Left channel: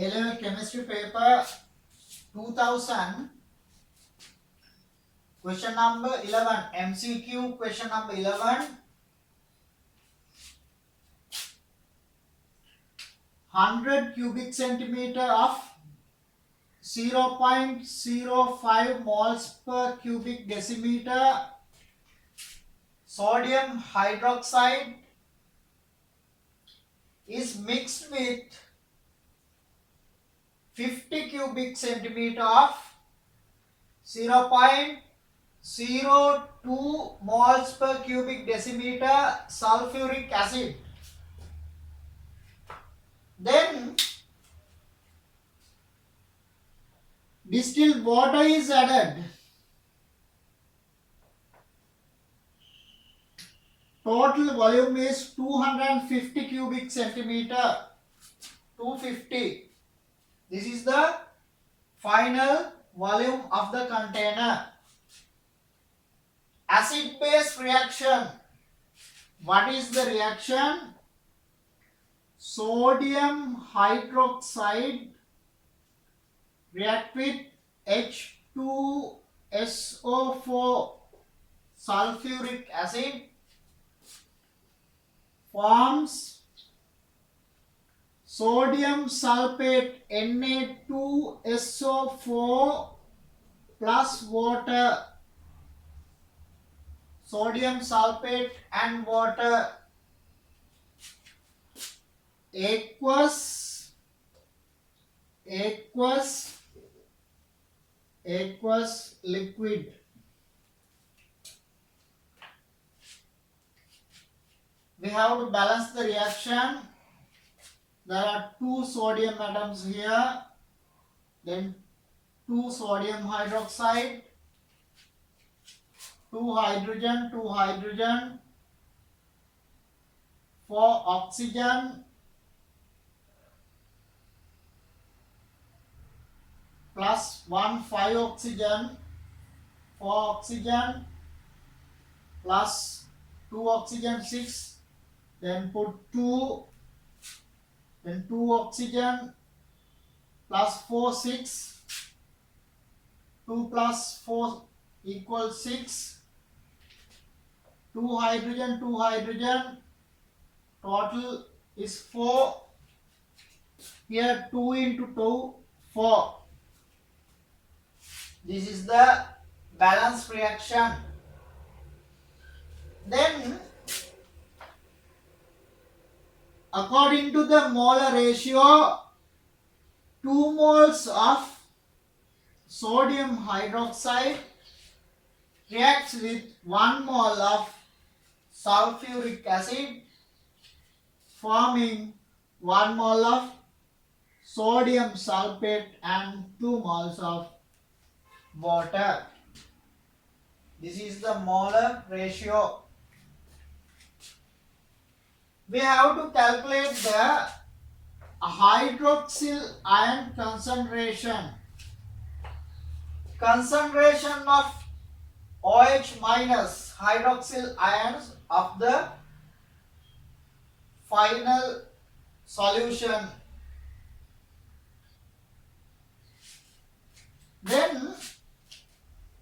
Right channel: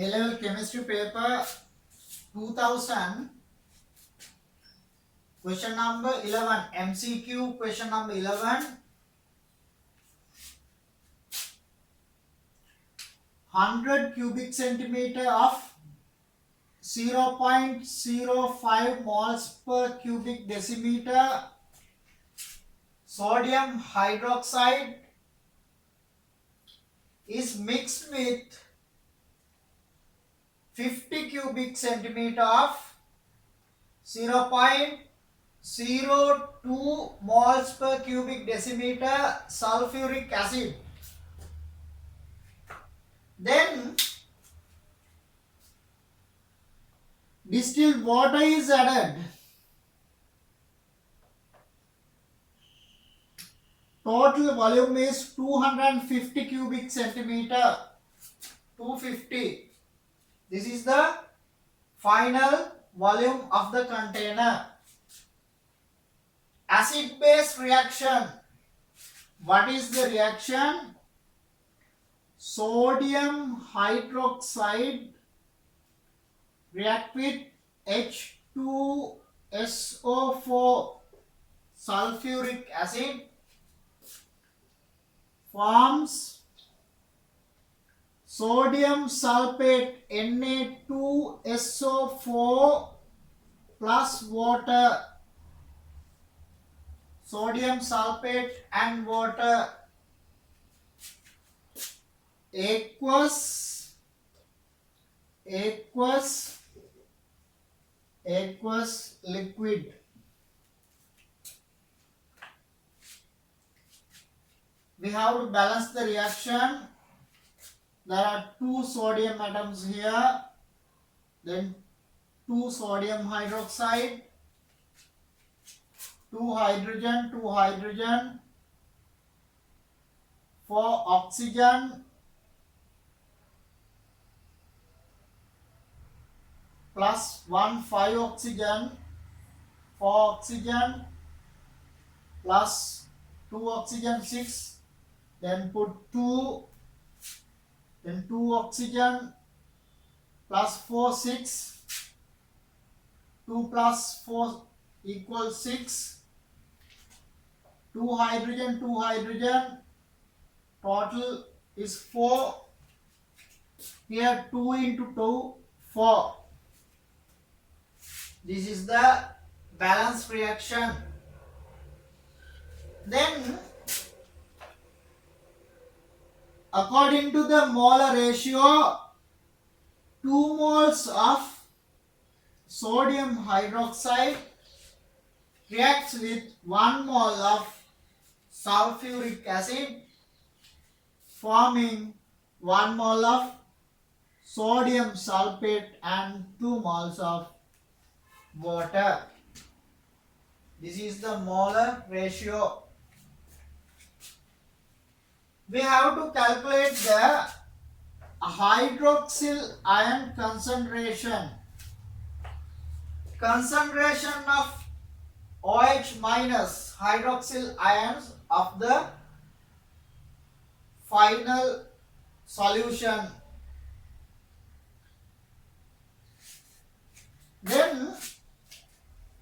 A-level chemistry paper 2000, question number 11, MCQ question number 11. 100 cubic centimeter of 0.05 moles per cubic decimeter sodium hydroxide is mixed with 50 cubic centimeter of 0.02 moles per cubic decimeter sulfuric acid. Then distilled water is added. Total volume is 250 cubic centimeter. 250. This is the final volume of the container. Acid base reaction. What is the reaction? Sodium hydroxide react with H2SO4 sulfuric acid forms sodium sulfate Na2SO4 plus water. Sodium sulfate and water aqueous liquid. We have to balance the reaction. There are 2 sodium atoms here, then 2 sodium hydroxide, 2 hydrogen, 4 oxygen plus 1 5 oxygen, 4 oxygen plus 2 oxygen 6, then put 2, then 2 oxygen plus 4 6, 2 plus 4 equals 6, 2 hydrogen, total is 4. Here 2 into 2, 4. This is the balance reaction. Then according to the molar ratio, 2 moles of sodium hydroxide reacts with 1 mole of sulfuric acid, forming 1 mole of sodium sulfate and 2 moles of water. This is the molar ratio. We have to calculate the hydroxyl ion concentration. Concentration of OH minus hydroxyl ions of the final solution. Then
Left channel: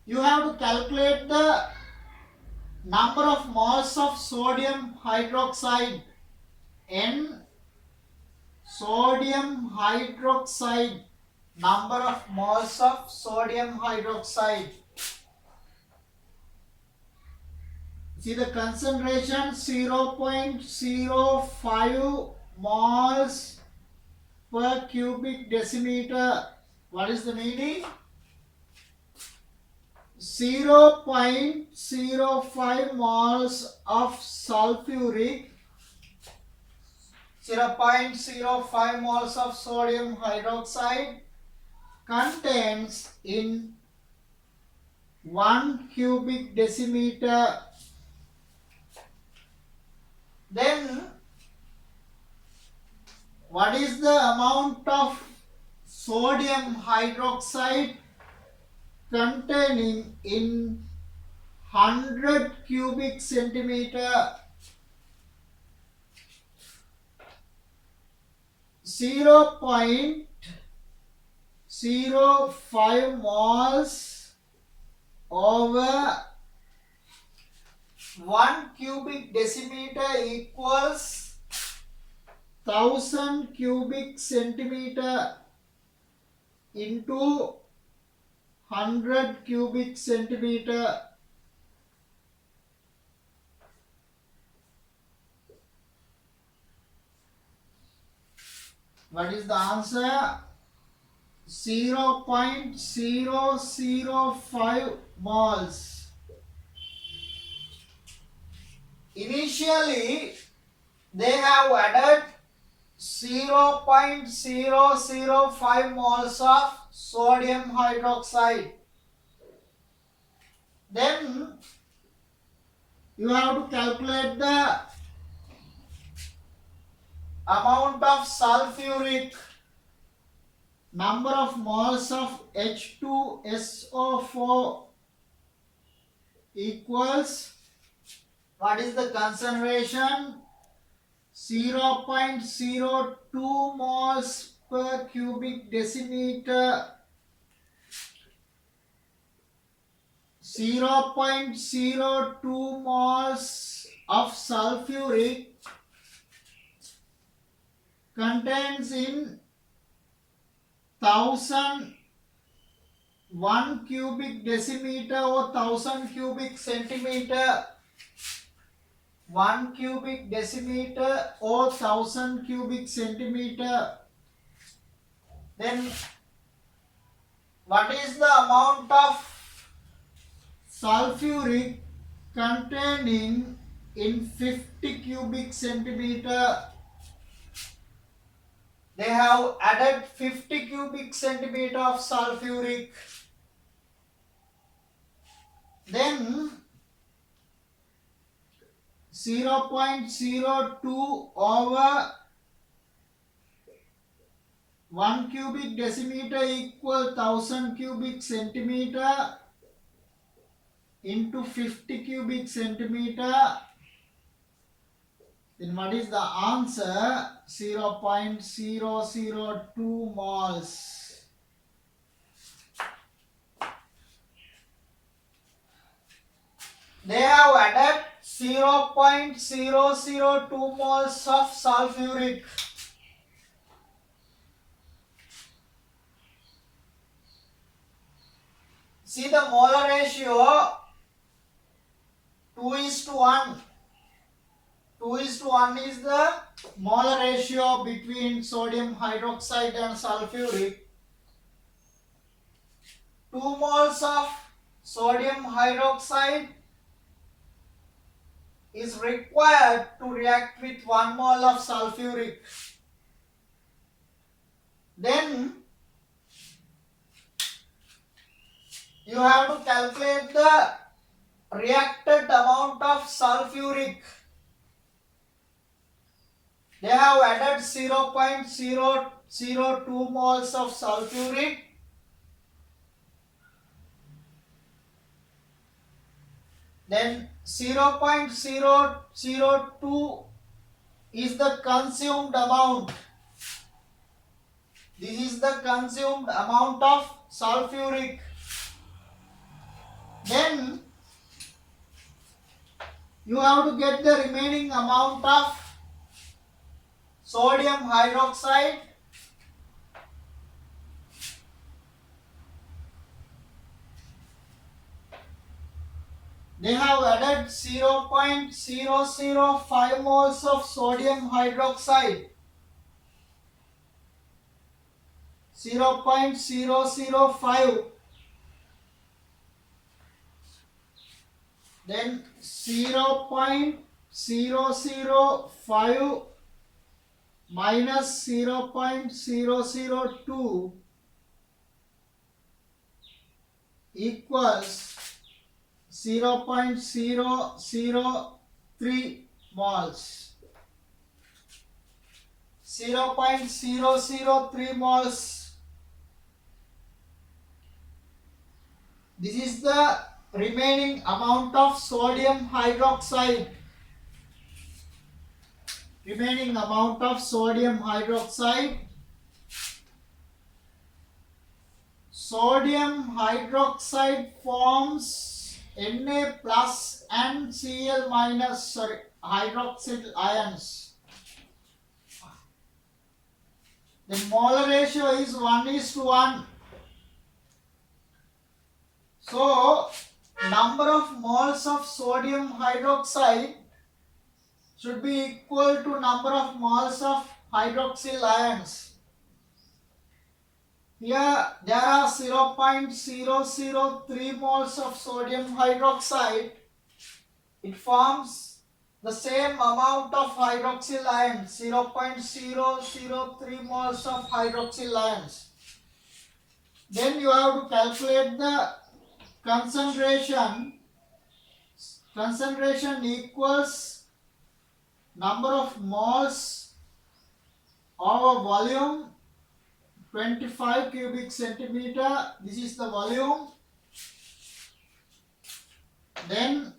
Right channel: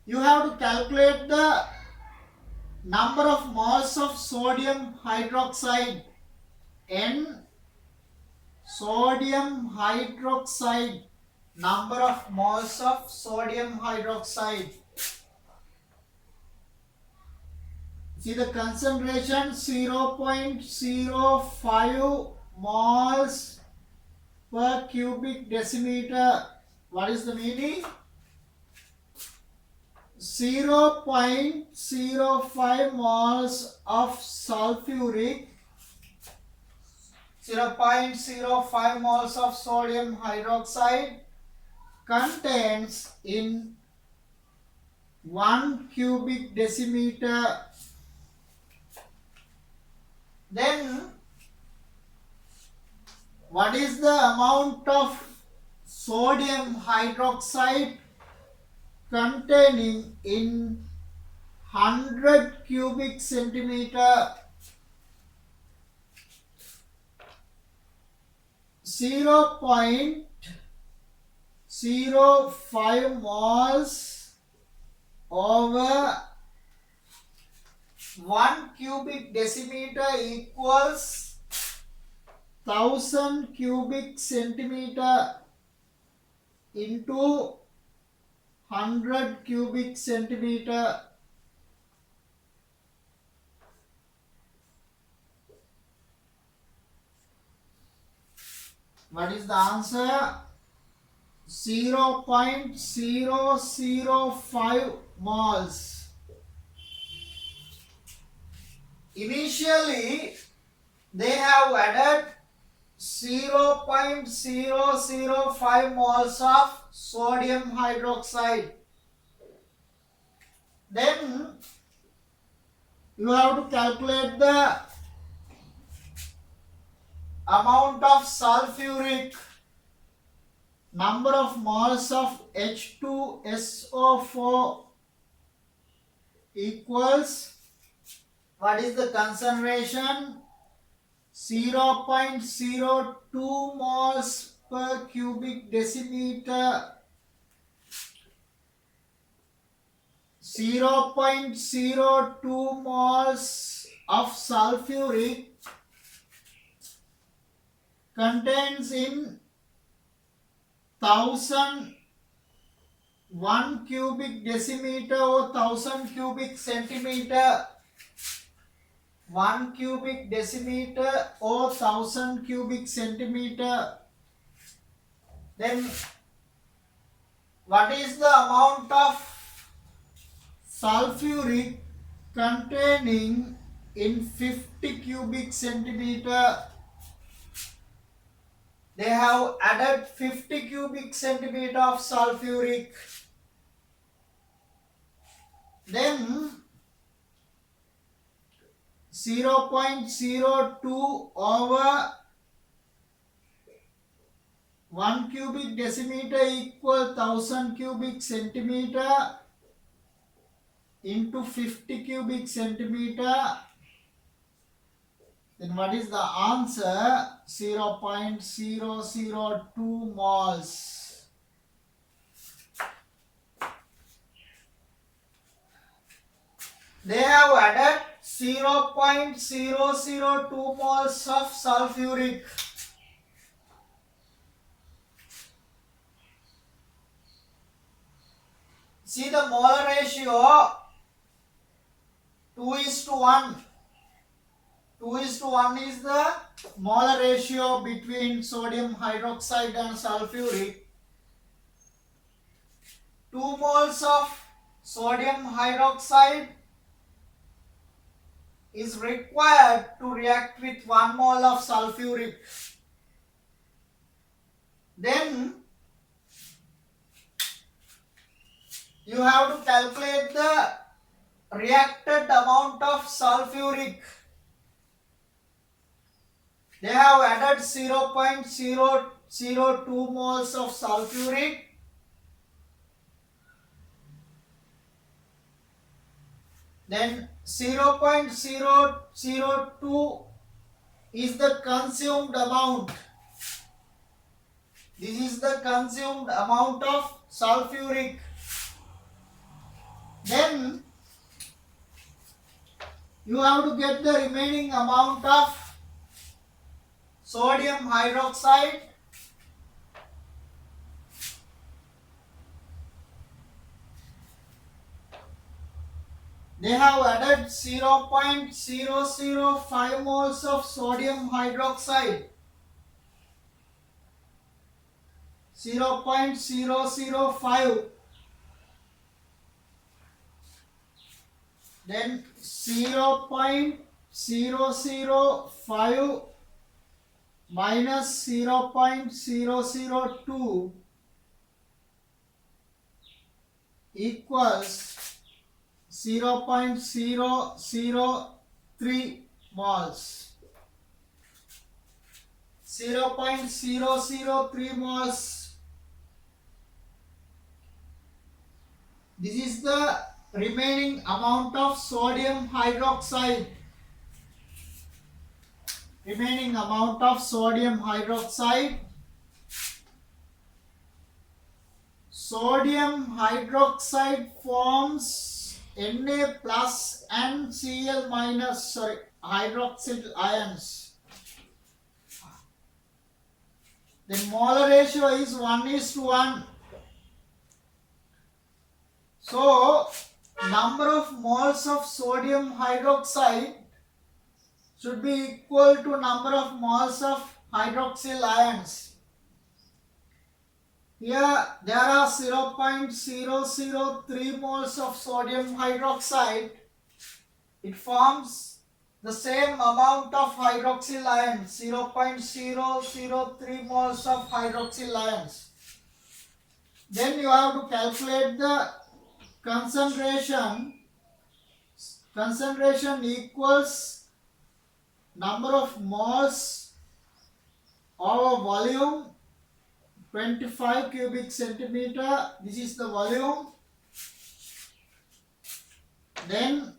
you have to calculate the number of moles of sodium hydroxide. N sodium hydroxide, number of moles of sodium hydroxide. See the concentration 0.05 moles per cubic decimeter. What is the meaning? 0.05 moles of sulfuric, 0.05 moles of sodium hydroxide contains in 1 cubic decimeter. Then what is the amount of sodium hydroxide containing in 100 cubic centimeter? 0.05 0.05 moles over 1 cubic decimeter equals 1000 cubic centimeter into 100 cubic centimeter. What is the answer? 0.005 moles. Initially, they have added 0.005 moles of sodium hydroxide. Then you have to calculate the amount of sulfuric, number of moles of H2SO4 equals, what is the concentration? 0.02 moles per cubic decimeter. 0.02 moles of sulfuric contains in 1000 1 cubic decimeter or 1000 cubic centimeter. 1 cubic decimeter or 1000 cubic centimeter. Then what is the amount of sulfuric containing in 50 cubic centimeter? They have added 50 cubic centimeter of sulfuric. Then 0.02 over 1 cubic decimeter equal 1000 cubic centimeter into 50 cubic centimeter. Then what is the answer? 0.002 moles. They have added 0.002 moles of sulfuric. See the molar ratio 2:1. 2:1 is the molar ratio between sodium hydroxide and sulfuric. 2 moles of sodium hydroxide is required to react with 1 mole of sulfuric. Then you have to calculate the reacted amount of sulfuric. They have added 0.002 moles of sulfuric. Then 0.002 is the consumed amount. This is the consumed amount of sulfuric. Then you have to get the remaining amount of sodium hydroxide. They have added 0.005 moles of sodium hydroxide. 0.005. Then 0.005 minus 0.002 equals 0.003 moles. 0.003 moles. This is the remaining amount of sodium hydroxide. Remaining amount of sodium hydroxide. sodium hydroxide forms Na plus and Cl minus, hydroxyl ions. The molar ratio is 1:1. So, number of moles of sodium hydroxide should be equal to number of moles of hydroxyl ions. Here there are 0.003 moles of sodium hydroxide. It forms the same amount of hydroxyl ions, 0.003 moles of hydroxyl ions. Then you have to calculate the concentration. Concentration equals number of moles over volume, 25 cubic centimeter. This is the volume. Then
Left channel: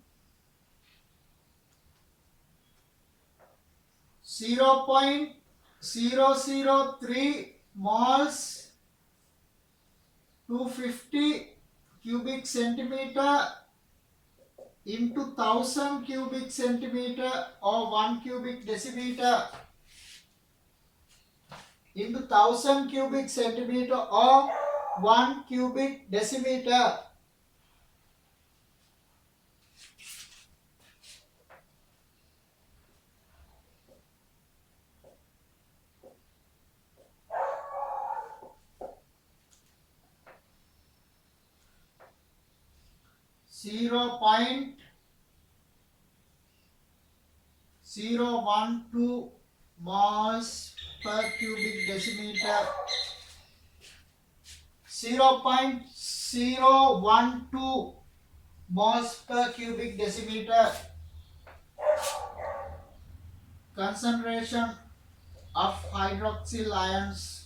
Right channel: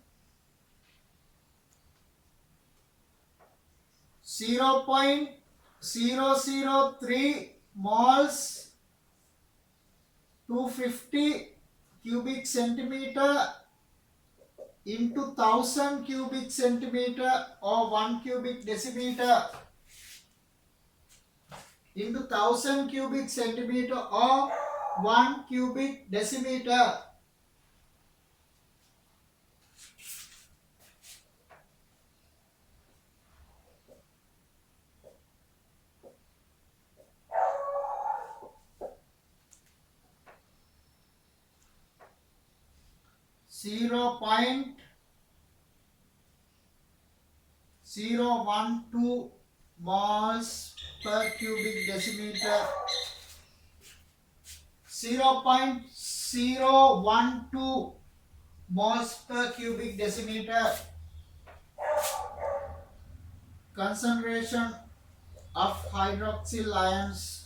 0.003 moles, 250 cubic centimeter into 1000 cubic centimeter or 1 cubic decimeter into 1000 cubic centimeter or 1 cubic decimeter. Zero point 0.012 moles per cubic decimeter. 0.012 moles per cubic decimeter. Concentration of hydroxyl ions